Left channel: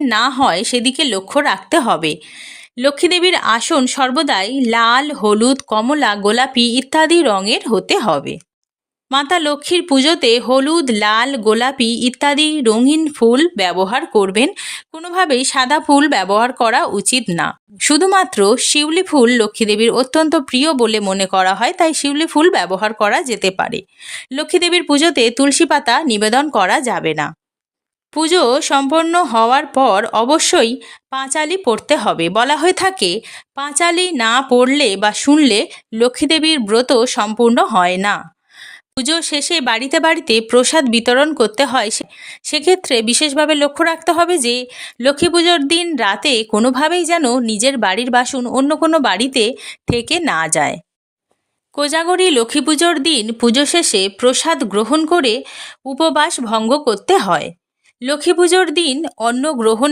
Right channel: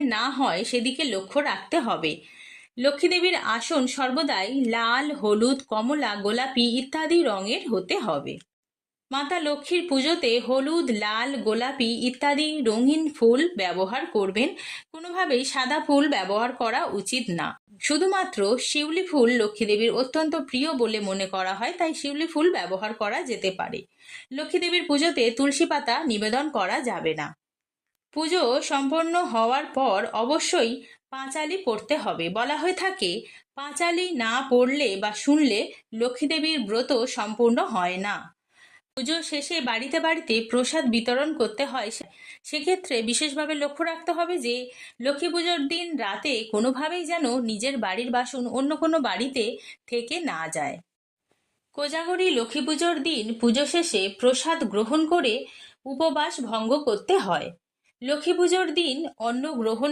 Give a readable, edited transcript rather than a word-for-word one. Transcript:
না হয় সেদিকে লক্ষ্য রাখতে হবে। লক্ষ্মী দেবীর আসন সর্বদাই লাল, হলুদ, কমলা, গোলাপি ইত্যাদি রঙের হতে হবে। মাতা লক্ষ্মীর পুজোতে হলুদ, লাল, গোলাপি ইত্যাদি রঙিন ফুল ব্যবহার করবেন। কোনোভাবেই সাদা ফুল ব্যবহার করা উচিত না। শুধুমাত্র শিউলি ফুল লক্ষ্মী দেবীর অত্যন্ত প্রিয় বলে মনে করা হয়, তাই শিউলি ফুল ব্যবহার করা যেতে পারে। লক্ষ্মী দেবীর পুজোতে তুলসী পাতা নিবেদন করা যাবে না। পুজো সম্পন্ন হওয়ার পর অবশ্যই পাঁচালি পড়তে হবে। বলা হয়ে থাকে, পাঁচালি না পড়লে বা শুনলে লক্ষ্মী দেবীর ব্রত সম্পূর্ণ হয় না। পুজো শেষে বাড়িতে বাড়িতে প্রসাদ বিতরণ করতে হয়। সেক্ষেত্রে বিশেষভাবে লক্ষ্য রাখতে হবে যে লক্ষ্মী পুজোর দিন রাতে কোনোভাবেই যেন নিজের বাড়ির বাসন অন্য কোনো বাড়িতে থেকে না যায়। কোজাগরী লক্ষ্মী পুজোর দিন পুজো শেষে প্রসাদ গ্রহণ করে উপবাস ভঙ্গ করতে হয়। লক্ষ্মী পুজোর দিন অন্ন গ্রহণ